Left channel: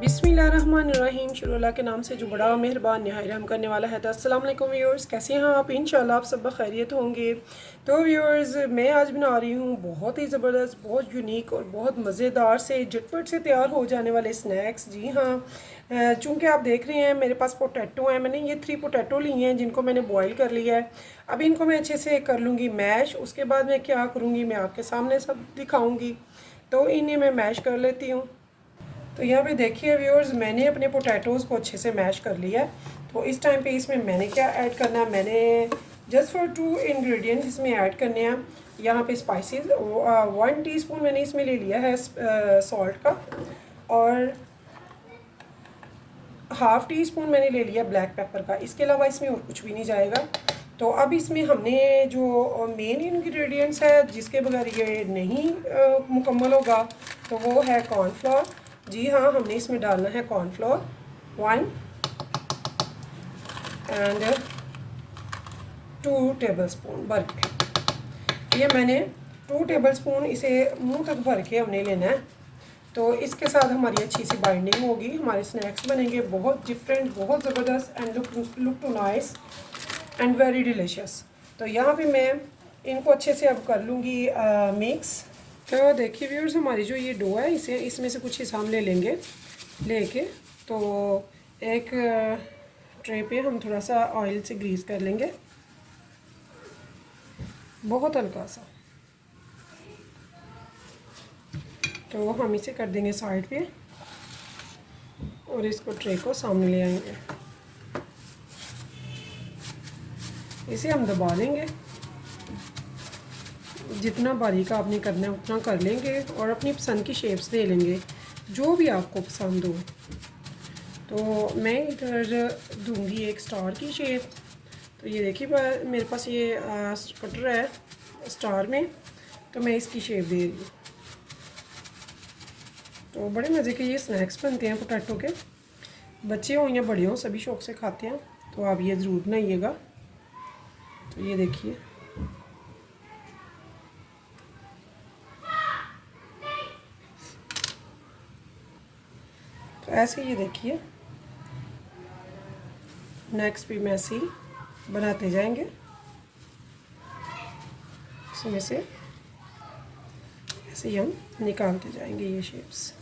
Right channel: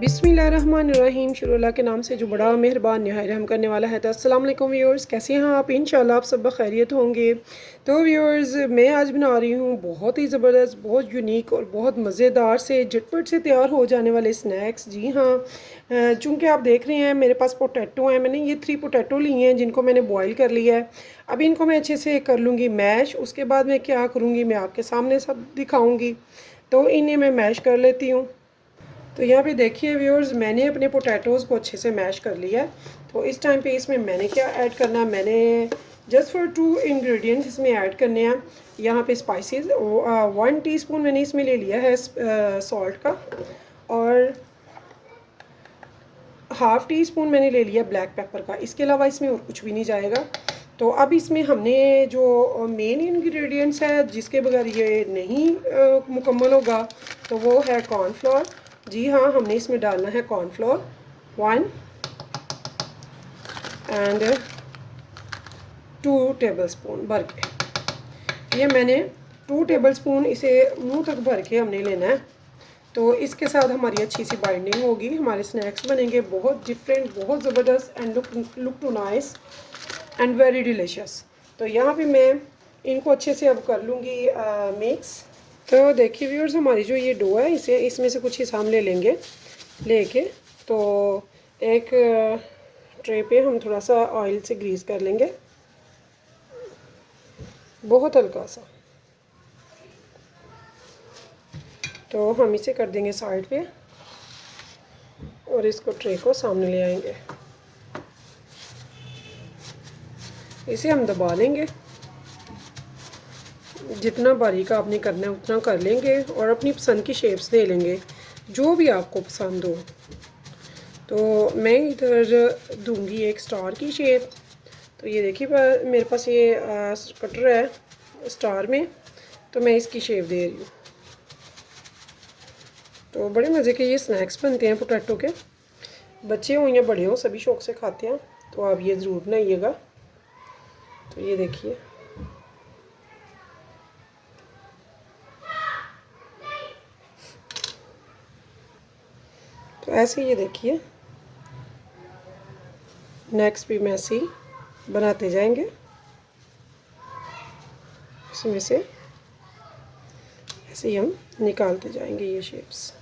बिस्मिल्लाहिर्रहमानिर्रहीम। शुरू के नाम से जो बड़ा मेहरबान नहायत रहम करने वाला है। तो अस्सलाम वालेकुम व्यूअर्स, कैसे हैं आप? इंशाल्लाह आप सब बखैरियत होंगे। तो व्यूअर्स, मैं आज बना रही हूँ बहुत ही ज़बरदस्त, बहुत यूनिक और बहुत मज़ेदार से झटपट से तैयार हो जाने वाले स्नैक्स। जी हाँ, चूँकि आप देख रहे हैं मेरे पास पोटैटो हैं। मैंने ये 3 पोटैटो लिए हैं जिनको मैंने बॉयल कर लिया है। अब इनको मैं अच्छे से कर लूँगी मैश। उसके बाद मैं क्या करूँगी मैं आपके सामने सब दिखाऊँगी। तो इन्हें मैं मैश कर लेती हूँ। तो यहाँ पे देखिए व्यूअर्स, मैंने अपने पोटैटोज़ को अच्छे से मैश कर लिया है। तो इस टाइम पे इसमें मैंने क्या ऐड करना है, मैंने जस्ट फॉर 2 इंग्रेडिएंट्स इसमें ऐड करने हैं। यहाँ पे स्पाइसेस 1 टीस्पून मैंने इसमें ले लिया है सॉल्ट का, और हाफ़ टी स्पून मैंने ले लिया ब्लैक पेपर का। इसके अलावा इसमें और कुछ भी नहीं जाएगा। तो अब इसमें हमने जो मेन इंग्रेडिएंट्स है जिसके बगैर ये नहीं मुकम्मल होगा, तो वो है कॉर्नफ्लोर। जी हाँ, हमने इसमें डालना है कॉर्नफ्लोर 1 एंड 2 टेबलस्पून भर के। ये मैंने 2 टेबलस्पून इसे मुंह तक भर के हमने लेना है। तो इसके साथ हमारी अच्छी सी बाइंडिंग होगी, हमारे स्नैक्स बनेंगे बहुत डिफरेंट, बहुत ज़बरदस्त and look to nice and very delicious. तो यहाँ पे मैं इनको अच्छे से अब कर लूँगी मिक्स। तो देखिए व्यूअर्स, हमारी जो ये डो है इसे इसमें से कुछ हिस्सा हम ले लेंगे। लेके तो एक ट्रे पे हम थोड़ा सा ऑयल से ग्रीस कर लेंगे, बहुत हल्का सा। तो हम इसे कर देंगे साइड पे और इसको ट्रे को सामने ले आएंगे। इसे हम दबा लेंगे, जितना बारीक आपने करना है उतना कर लेंगे और अपनी पसंद की शेप्स दे लेंगे, जो भी आपको पसंद हो। तो मैं इधर दूंगी एक स्टार की शेप। तो ये देखिए मेरे पास ये कटर है स्टार में, तो मैं इसकी शेप दे रही हूँ। तो बड़े मज़े के ये स्नैक्स बनते हैं पोटैटो के, बच्चे हों या बड़े हों सभी शौक़ से खाते हैं। तो आप ये ज़रूर बनाइएगा। तो ये देखिए, तो ऐसे ये देखिए नेक्स्ट भी मैं ऐसे ही बनाते जाएंगे। इसमें से ऐसे ही हम निकालते जाएंगे ये शेप्स।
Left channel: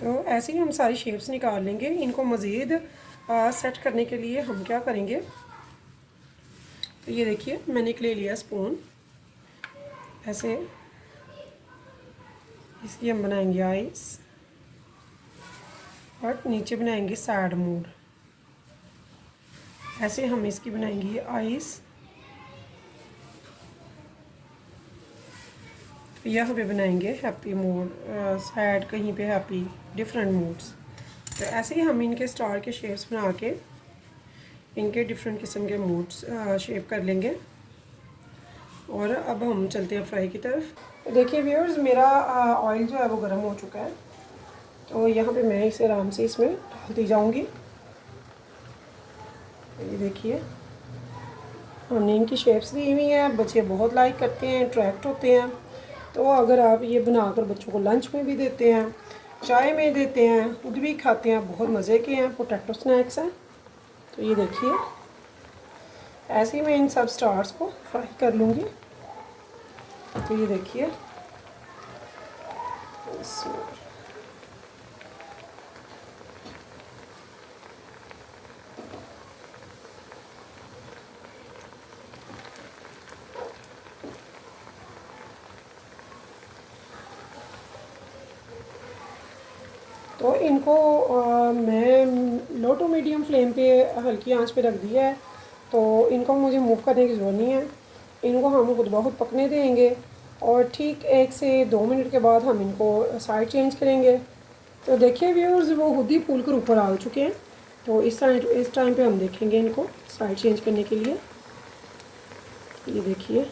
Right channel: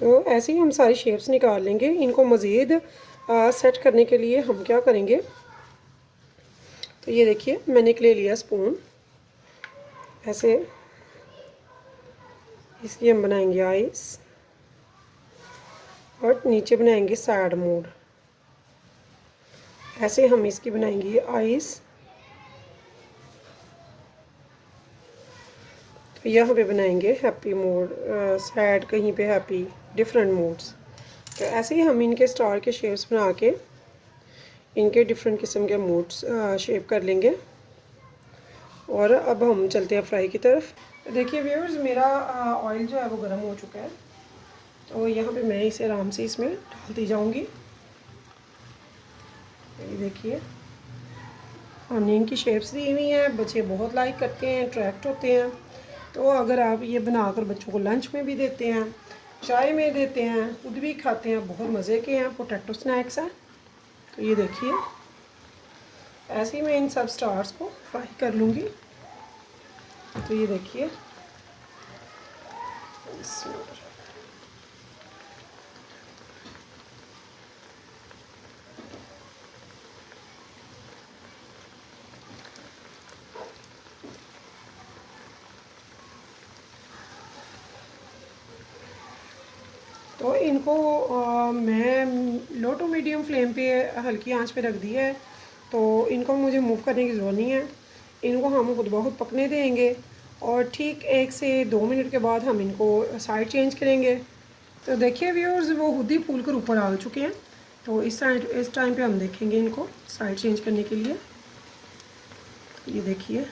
तो ऐसे ही हम सारी शेप्स निकाल लेंगे। इनको मज़ीद सेट करने के लिए हम क्या करेंगे, तो ये देखिए मैंने एक ले लिया स्पून। ऐसे इसलिए हम बनाएंगे आइस और नीचे बनाएंगे सैड मोड। ऐसे हम इसकी बनाएंगे आइस। तो यहाँ पे बनाएंगे हैप्पी मोड, सैड, कहीं पे हैप्पी, डिफरेंट मोड्स। तो ऐसे ही हम इनके स्टार के शेप्स बना के इनके डिफरेंट किस्म के मोड्स शेप कर लेंगे। और अब हम चलते हैं फ्राई की तरफ। देखिए व्यूअर्स, मेरा ऑयल जो है वो गर्म हो चुका है। तो यहाँ पे मैं इसे आराम से इसमें डालती जाऊँगी। ये देखिए हमने इनकी शेप्स दी हुई हैं, बच्चे बहुत लाइक करते हैं, अट्रैक्ट होते हैं। तो अगर आप ये बनाकर बच्चों को लंच में भी देते हैं, चाय में देते हैं, खुद भी खाते हैं, बहुत मज़े के हैं पोटैटो स्नैक्स हैं। तो ये देखिए ऐसे ही मैं इन सब स्टार्स को फ्राई कर लूँगी। तो ये देखिए तो इनको मैं लो टू मीडियम फ्लेम पे हल्की आंच पे रख दिया है। तो इनको मुझे मूव करने की ज़रूरत नहीं है। इनको हम खुद ब खुद पकने देंगे और ठीक 1 से 2 मिनट के बाद हम इनको साइड चेंज करेंगे। तो देखिए व्यूअर्स, वो खुद ही फूल कर ऊपर आ चुके हैं। तो इस टाइम पे हम देखेंगे इनको साइड चेंज करने के लिए। ये देखिए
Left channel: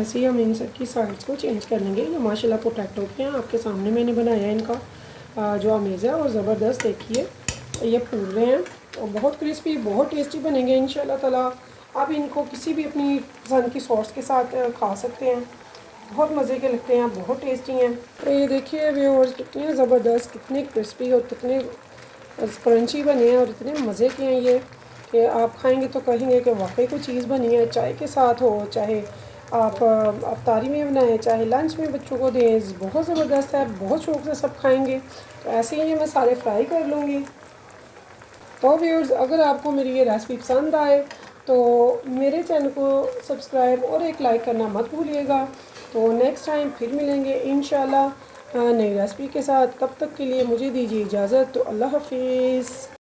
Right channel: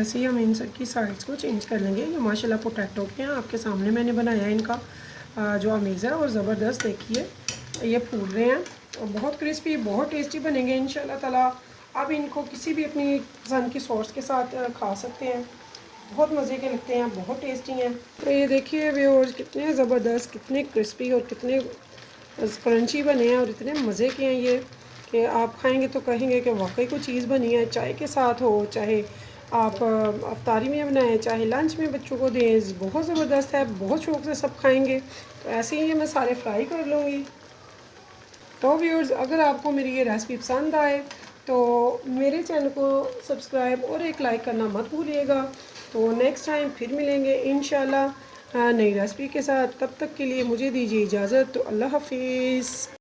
ऐसे ही हम इन सब की साइड्स को चेंज कर लेंगे। ये माशाल्लाह पोटैटो के हैं, आपके सामने मैंने बनाया है इनका जो अमेज़ है और ज़बरदस्त। देखिए ये फूल रहे हैं और बहुत क्रिस्पी, बहुत टेस्टी बनेंगे इंशाल्लाह ताला। आप इनको किसी भी अपनी पसंद की सॉस के साथ खा सकते हैं, बहुत मज़े के लगते हैं, बहुत टेस्टी हैं। तो ये देखिए व्यूअर्स कितने ज़बरदस्त, कितने क्रिस्पी और कितने क्रंची बने हैं और इतने मज़े के हैं ये कि आप खाएंगे तो कहेंगे कि वाकई कोई चीज़ बनी है। चाय के साथ हो, चाहे आप अफ्तारी में बनाएं, चाहे लंच में बच्चों को दें, बहुत ज़बरदस्त है, बहुत शौक़ से सब खाएंगे। तो ऐसे ही मैं सारे फ्राई कर लूँगी। तो व्यूअर्स अगर आपको मेरी ये रेसिपी पसंद आए तो मेरे चैनल को सब्सक्राइब और एक लाइक करना मत भूलिएगा। तो नेक्स्ट टाइम फिर मिलेंगे इंशाल्लाह नई रेसिपी के साथ। तब तक के लिए मुझे दीजिए इजाज़त। तो अल्लाह हाफिज़।